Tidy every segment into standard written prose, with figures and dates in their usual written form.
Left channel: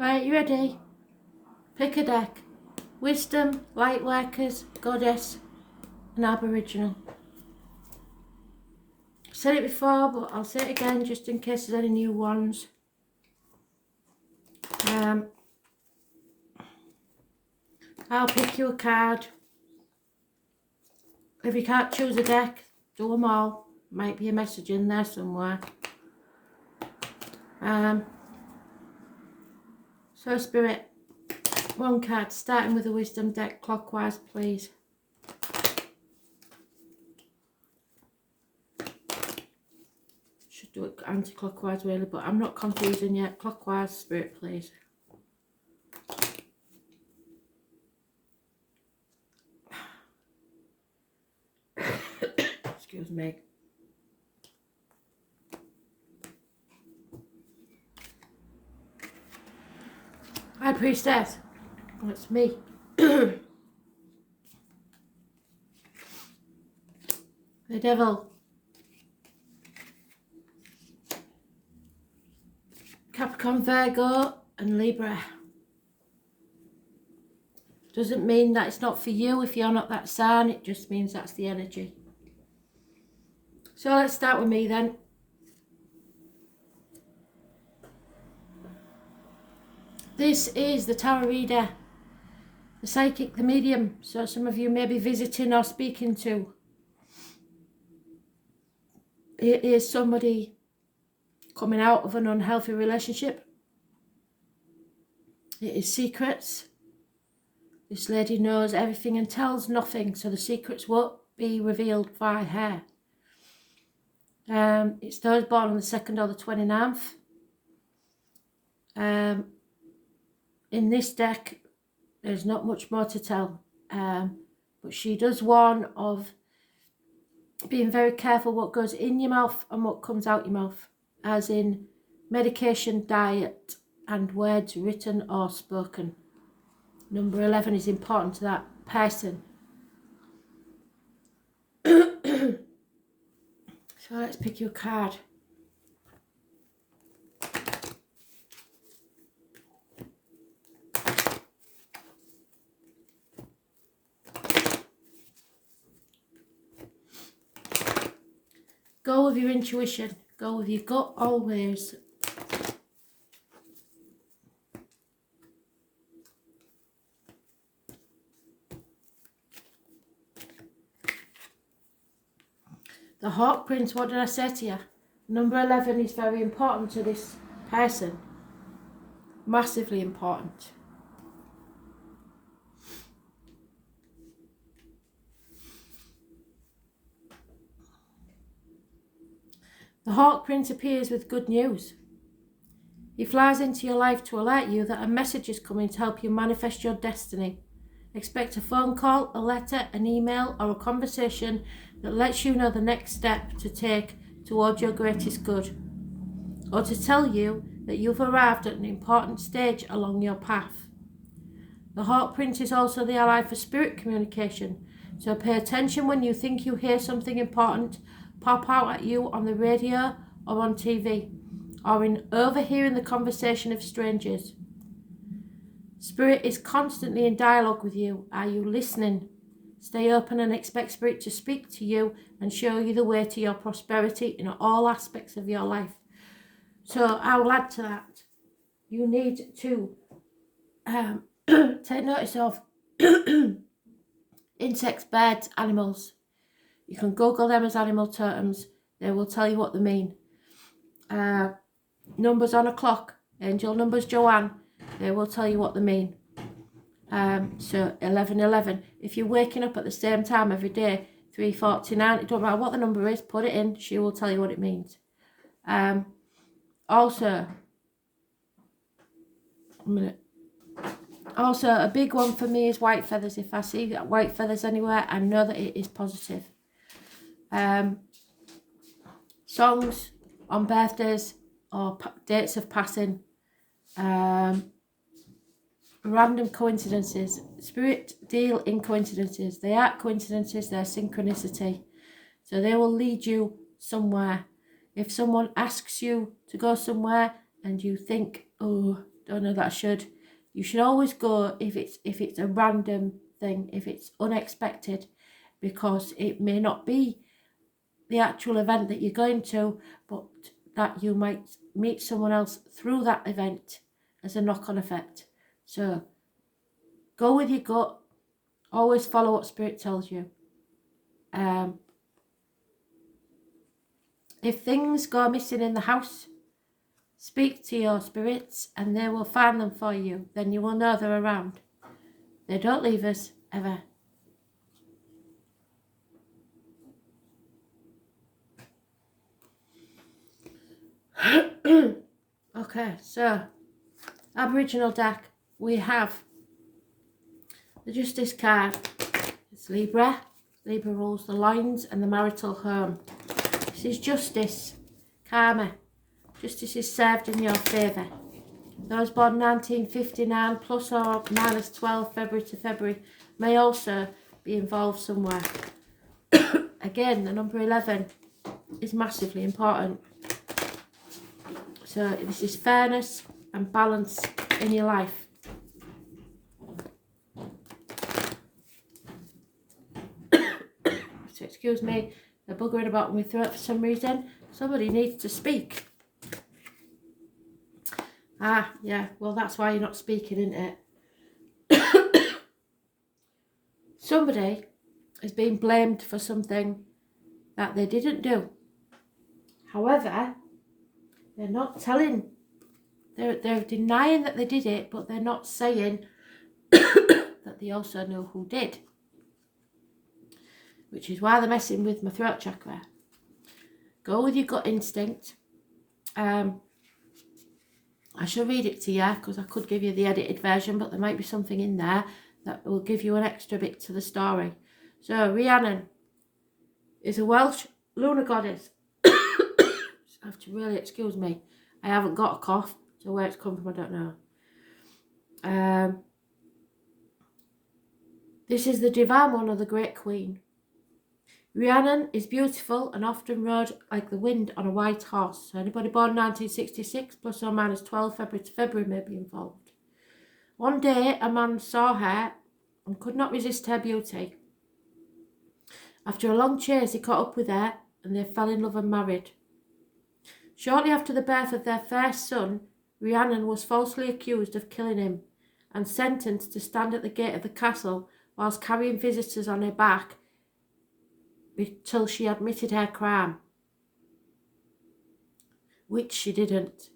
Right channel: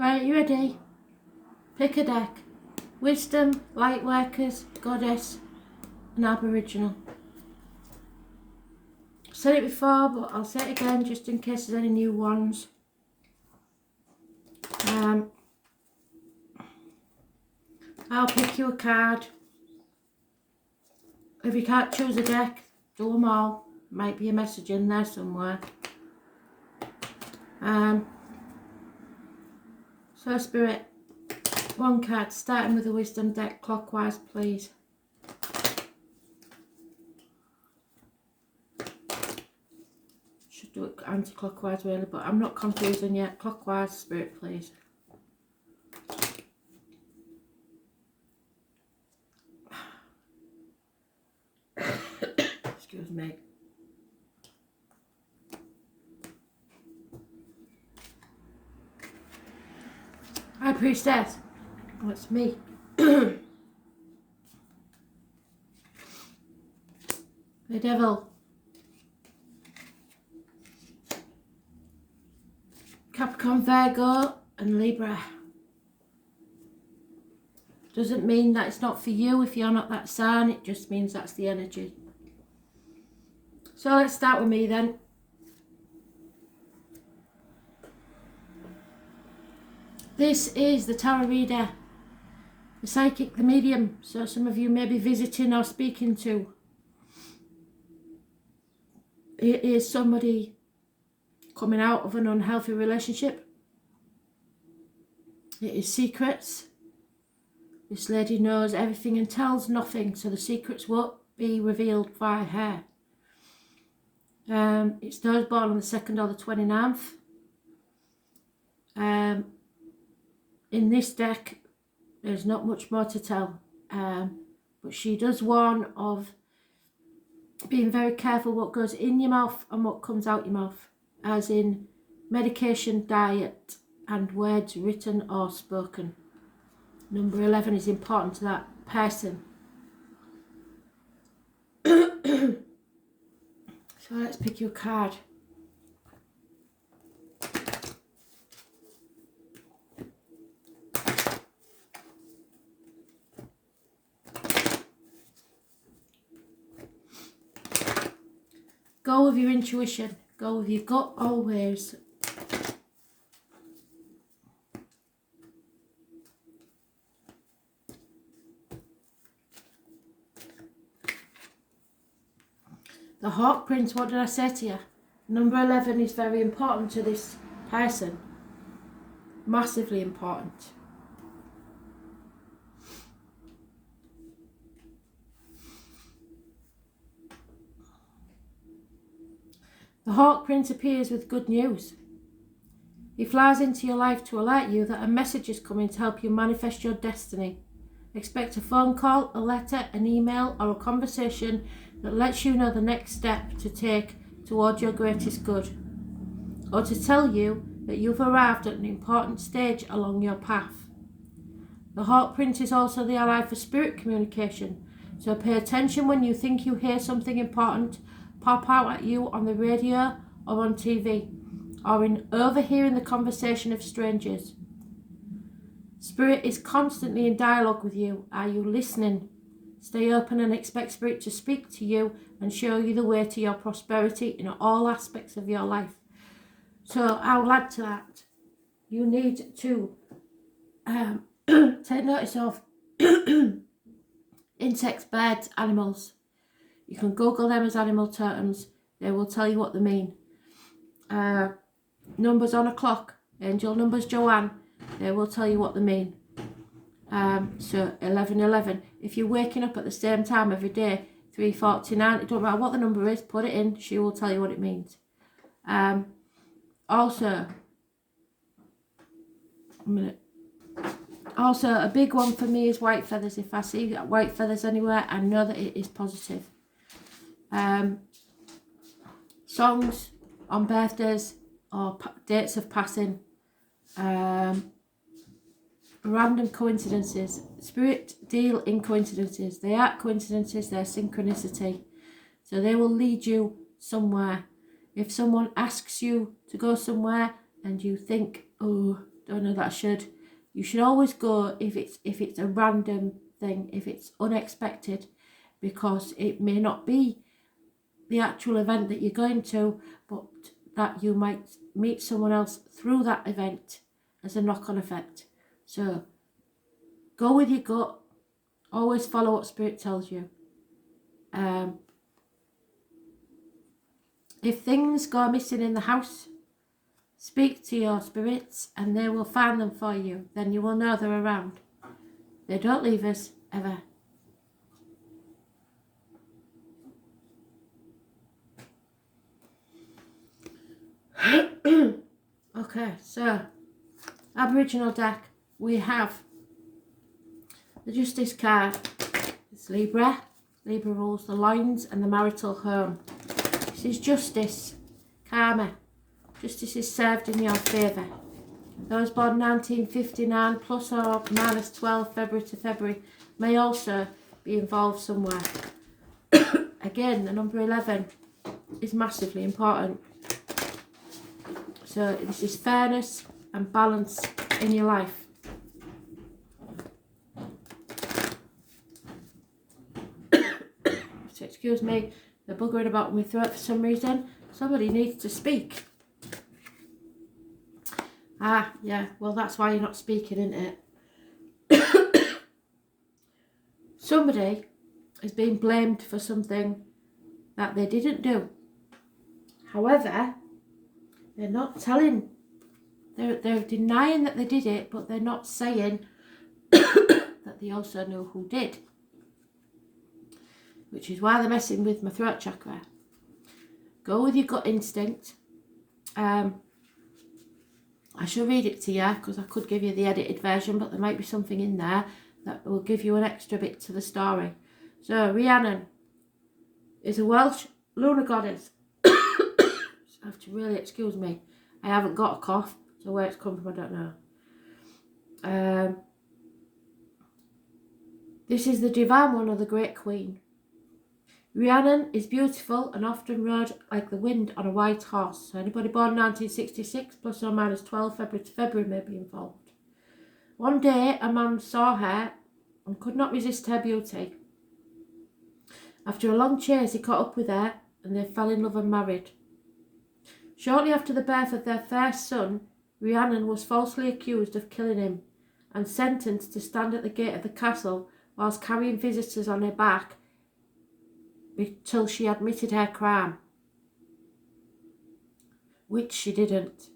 Right, you ready? Pick a deck. Wisdom, Lightworkers, Goddess and Aboriginal. I've said it before, but I'll say it again just in case there's any new ones. I'll pick you a card. If you can't choose a deck, do them all. Might be a message in there somewhere. So Spirit, one card, starting with the Wisdom deck, clockwise please. Should do it anti-clockwise really, but I'm not confusing yet. Clockwise, Spirit please. Excuse me. High Priestess. That's me. The Devil. Capricorn, Virgo and Libra. Doesn't mean that it's not for you if you're not that sign. It just means that's the energy. So let's start with me then. This is the Tarot Reader, the Psychic, the Medium. So some of you may be visiting or speaking to. It is somebody coming out of an unhealthy relationship. It is secrets. This lady knows everything and tells nothing, so the secrets won't be revealed by her. It's those born on the 2nd or the 29th. In this deck, there's not much more to tell, but she does warn of being very careful what goes in your mouth and what comes out your mouth, as in medication, diet, and words written or spoken. Number 11 is important to that person. So let's pick you a card. Go with your intuition. Go with your gut always. The Hawk Prince, what did I say to you? Number 11 is very important to this person. Massively important. The Hawk Prince appears with good news. He flies into your life to alert you that a message is coming to help you manifest your destiny. Expect a phone call, a letter, an email, or a conversation that lets you know the next step to take towards your greatest good, or to tell you that you've arrived at an important stage along your path. The Hawk Prince is also the ally for spirit communication, so pay attention when you think you hear something important pop out at you on the radio or on TV, or in overhearing the conversation of strangers. Spirit is constantly in dialogue with you. Are you listening? Stay open and expect Spirit to speak to you and show you the way to your prosperity in all aspects of your life. So I will add to that. You need to take notice of insects, birds, animals. You can Google them as animal totems. They will tell you what they mean. Numbers on a clock, angel numbers, Joanne, they will tell you what they mean. So 1111. If you're waking up at the same time every day, 3:49, it don't matter what the number is, put it in, she will tell you what it means. Also, a big one for me is white feathers. If I see white feathers anywhere, I know that it is positive. Songs on birthdays or dates of passing. Random coincidences. Spirit deal in coincidences. They aren't coincidences, they're synchronicity. So they will lead you somewhere. If someone asks you to go somewhere and you think, oh, don't know that I should. You should always go if it's a random thing, if it's unexpected, because it may not be the actual event that you're going to, but that you might meet someone else through that event as a knock-on effect. So go with your gut. Always follow what Spirit tells you. If things go missing in the house, speak to your spirits and they will find them for you. Then you will know they're around. They don't leave us, ever. Okay, so Aboriginal deck, we have the Justice card. It's Libra. Libra rules the loins and the marital home. This is justice, karma. Justice is served in your favour. Those born 1959 plus or minus 12 February to February may also be involved somewhere. Again, the number 11 is massively important. So this is fairness and balance in your life. So excuse me, they're buggering about my throat for some reason. Somebody needs to speak. Ah, yeah, well that's why you're not speaking, isn't it? Somebody has been blamed for something that they didn't do. However, they're not telling, they're denying that they did it, but they're not saying that they also know who did. Which is why they're messing with my throat chakra. Go with your gut instinct. I shall read it to you because I could give you the edited version, but there might be something in there that will give you an extra bit to the story. So Rhiannon is a Welsh lunar goddess. I have to really excuse me. I haven't got a cough, so where it's come from I don't know. This is the divine one of the Great Queen. Rhiannon is beautiful and often rode like the wind on a white horse. So anybody born 1966 plus or minus 12 February to February may be involved. One day a man saw her and could not resist her beauty. After a long chase he caught up with her and they fell in love and married. Shortly after the birth of their first son, Rhiannon was falsely accused of killing him and sentenced to stand at the gate of the castle whilst carrying visitors on her back till she admitted her crime, which she didn't.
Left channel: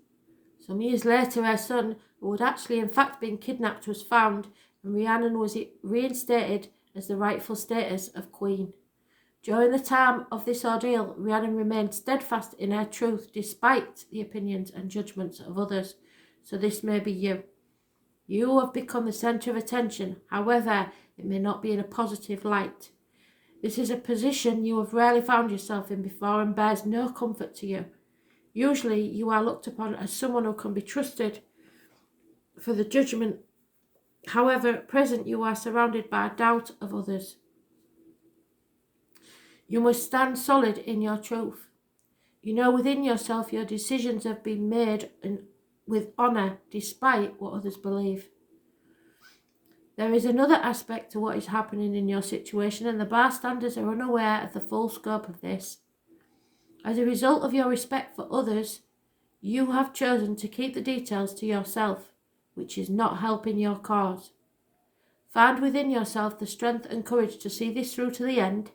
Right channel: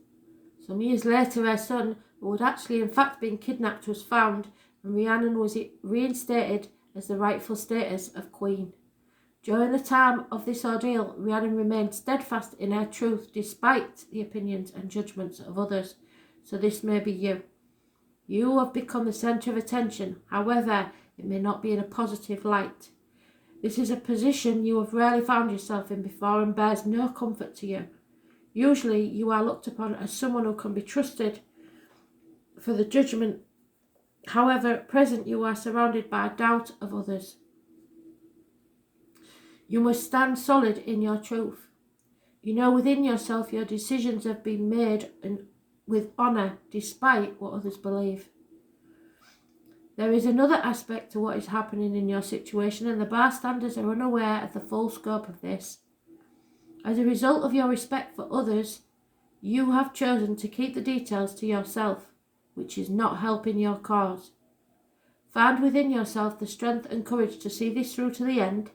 Some years later her son, who had actually in fact been kidnapped, was found and Rhiannon was reinstated as the rightful status of queen. During the time of this ordeal, Rhiannon remained steadfast in her truth despite the opinions and judgments of others. So this may be you. You have become the centre of attention, however, it may not be in a positive light. This is a position you have rarely found yourself in before and bears no comfort to you. Usually you are looked upon as someone who can be trusted for the judgment. However, at present you are surrounded by doubt of others. You must stand solid in your truth. You know within yourself your decisions have been made with honour despite what others believe. There is another aspect to what is happening in your situation and the bystanders are unaware of the full scope of this. As a result of your respect for others, you have chosen to keep the details to yourself, which is not helping your cause. Find within yourself the strength and courage to see this through to the end.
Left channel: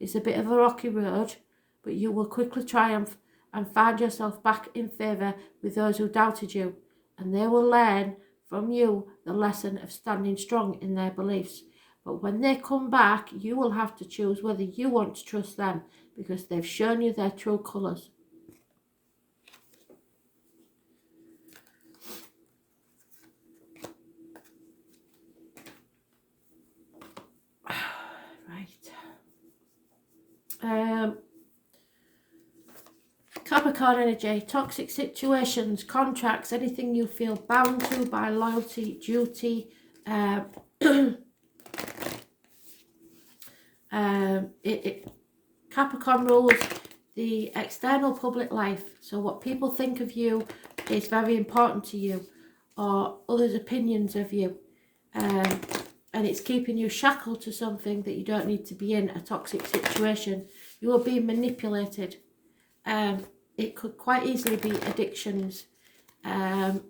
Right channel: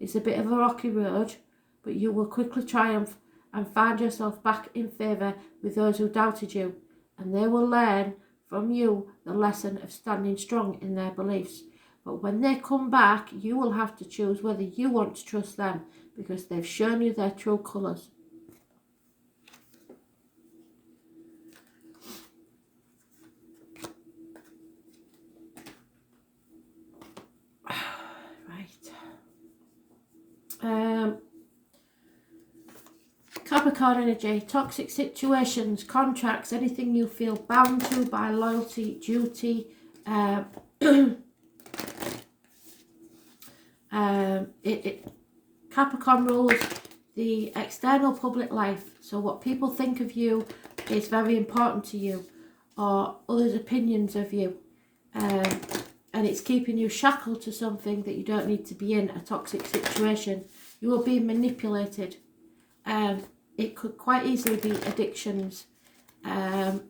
It's a bit of a rocky road, but you will quickly triumph and find yourself back in favour with those who doubted you, and they will learn from you the lesson of standing strong in their beliefs. But when they come back, you will have to choose whether you want to trust them, because they've shown you their true colours. Capricorn energy, toxic situations, contracts, anything you feel bound to by loyalty, duty. Capricorn rules the external public life. So what people think of you is very important to you. or others' opinions of you, and it's keeping you shackled to something that you don't need to be in, a toxic situation. You are being manipulated. It could quite easily be addictions. It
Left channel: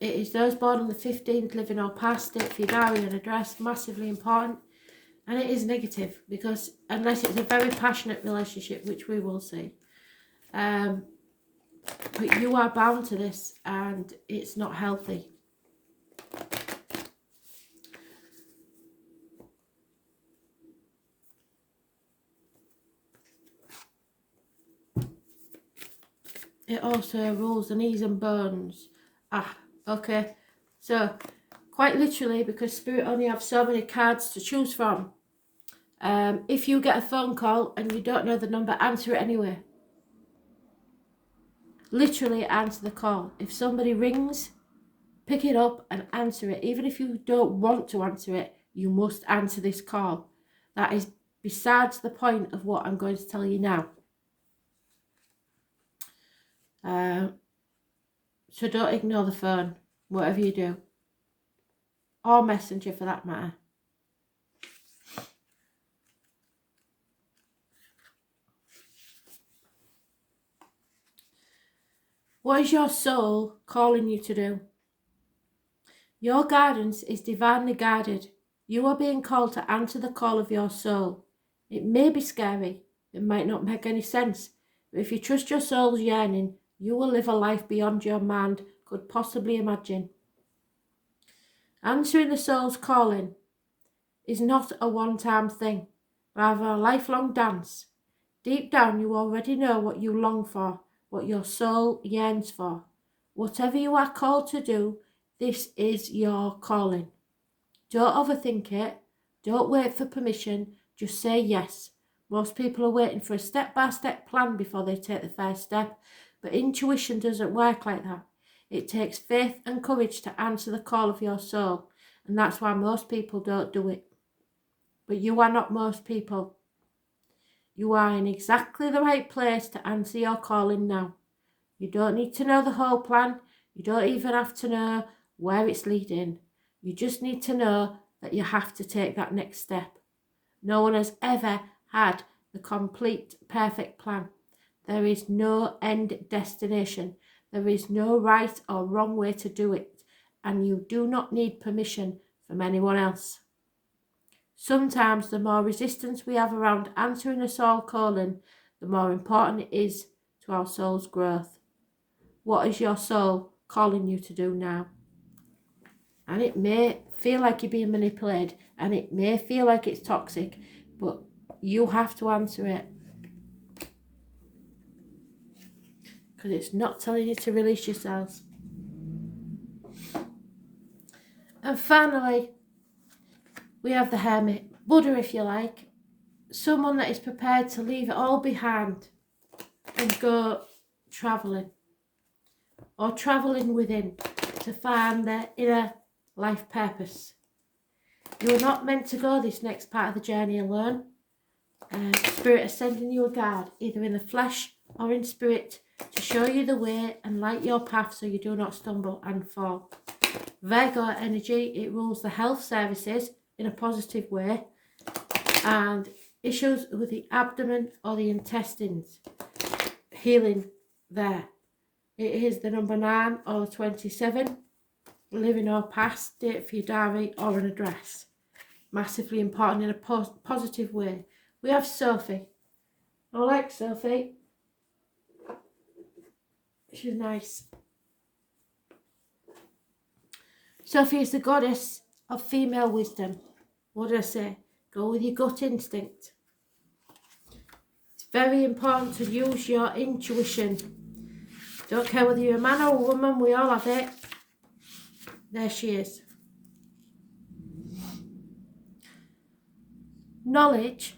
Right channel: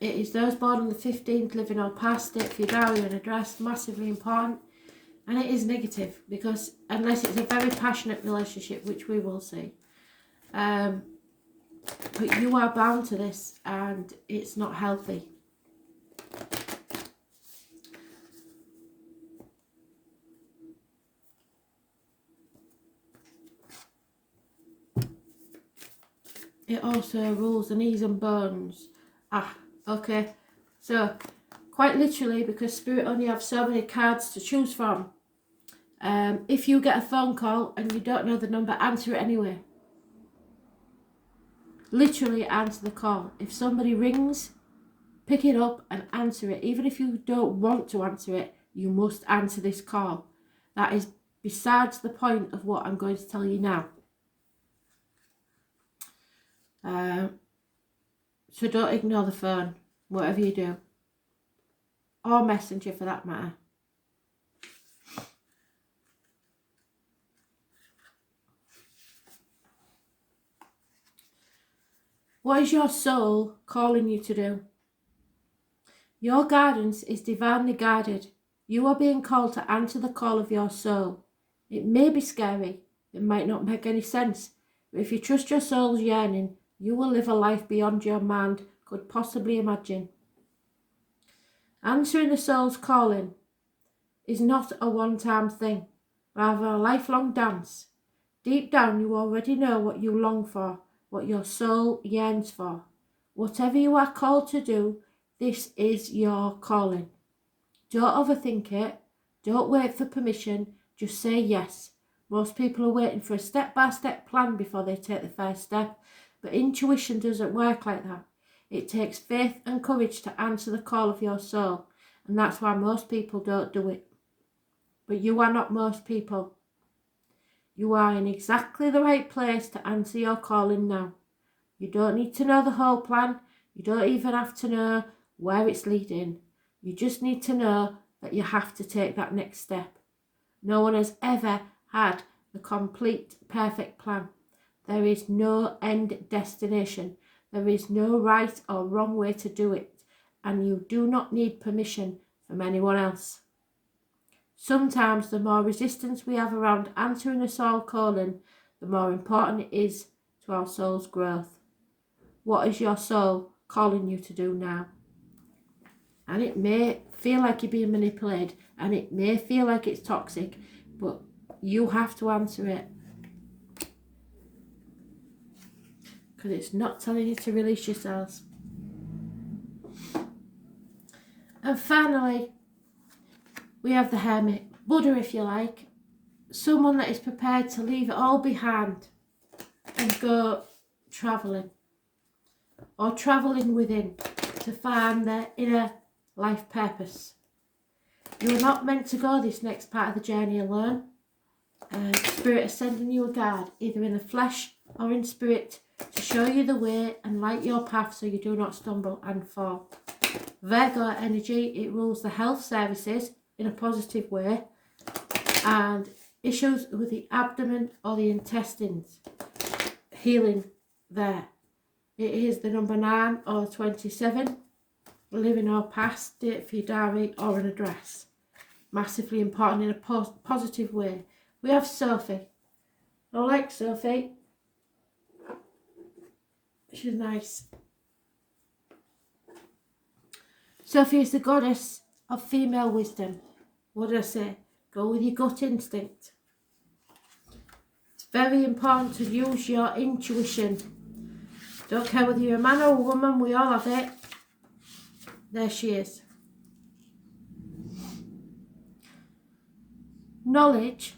is those born on the 15th, living or past, date for your diary and address, massively important. And it is negative, because unless it's a very passionate relationship, which we will see, but you are bound to this, and it's not healthy. It also rules the knees and bones. Okay. So, quite literally, because Spirit only have so many cards to choose from, if you get a phone call and you don't know the number, answer it anyway. Literally answer the call. If somebody rings, pick it up and answer it. Even if you don't want to answer it, you must answer this call. That is besides the point of what I'm going to tell you now. So don't ignore the phone, whatever you do. Or Messenger for that matter. What is your soul calling you to do? Your guidance is divinely guided. You are being called to answer the call of your soul. It may be scary. It might not make any sense. But if you trust your soul's yearning, you will live a life beyond your mind could possibly imagine. Answering the soul's calling is not a one-time thing, rather a lifelong dance. Deep down, you already know what you long for, what your soul yearns for. Whatever you are called to do, this is your calling. Don't overthink it. Don't wait for permission. Just say yes. Most people are waiting for a step-by-step plan before they take the first step, but intuition doesn't work like that. It takes faith and courage to answer the call of your soul, and that's why most people don't do it. But you are not most people. You are in exactly the right place to answer your calling now. You don't need to know the whole plan. You don't even have to know where it's leading. You just need to know that you have to take that next step. No one has ever had the complete, perfect plan. There is no end destination. There is no right or wrong way to do it, and you do not need permission from anyone else. Sometimes the more resistance we have around answering a soul calling, the more important it is to our soul's growth. What is your soul calling you to do now? And it may feel like you're being manipulated, and it may feel like it's toxic, but you have to answer it. Because it's not telling you to release yourselves. And finally, we have the Hermit, Buddha if you like, someone that is prepared to leave it all behind and go travelling, or travelling within to find their inner life purpose. You are not meant to go this next part of the journey alone. Spirit is sending you a guide, either in the flesh or in spirit, to show you the way and light your path so you do not stumble and fall. Virgo energy, it rules the health services in a positive way, and issues with the abdomen or the intestines, healing there. It is the number 9 or 27, living or past, date for your diary or an address. Massively important in a positive way. We have Sophie. I like Sophie. She's nice. Sophie is the goddess of female wisdom. What did I say? Go with your gut instinct. It's very important to use your intuition. Don't care whether you're a man or a woman, we all have it. There she is. Knowledge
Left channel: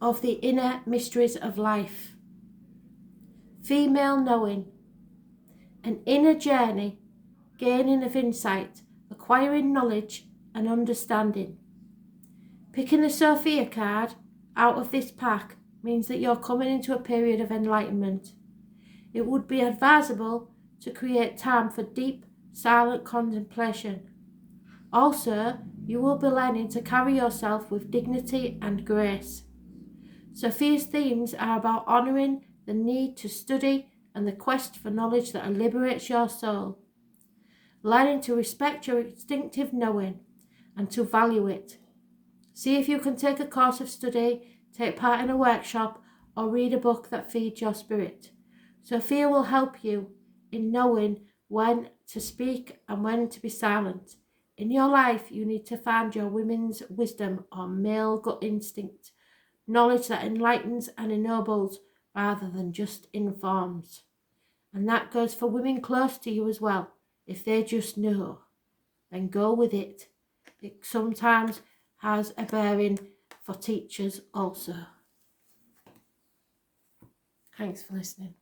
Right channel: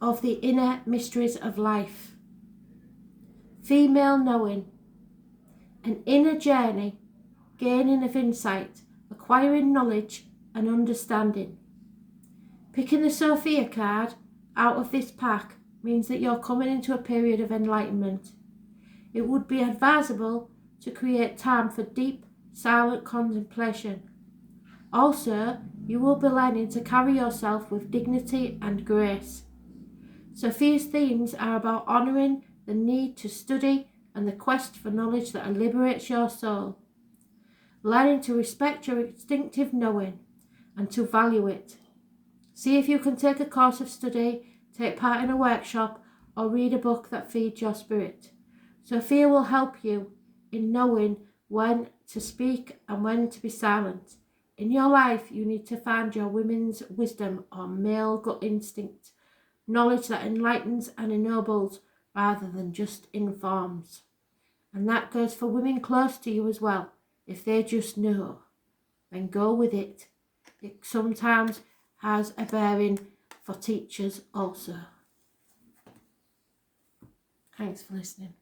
of the inner mysteries of life. Female knowing. An inner journey, gaining of insight, acquiring knowledge and understanding. Picking the Sophia card out of this pack means that you're coming into a period of enlightenment. It would be advisable to create time for deep silent contemplation. Also, you will be learning to carry yourself with dignity and grace. Sophia's themes are about honouring the need to study and the quest for knowledge that liberates your soul. Learning to respect your instinctive knowing and to value it. See if you can take a course of study, take part in a workshop, or read a book that feeds your spirit. Sophia will help you in knowing when to speak and when to be silent. In your life, you need to find your women's wisdom or male gut instinct, knowledge that enlightens and ennobles rather than just informs. And that goes for women close to you as well. If they just know, then go with it. It sometimes has a bearing for teachers also. Thanks for listening.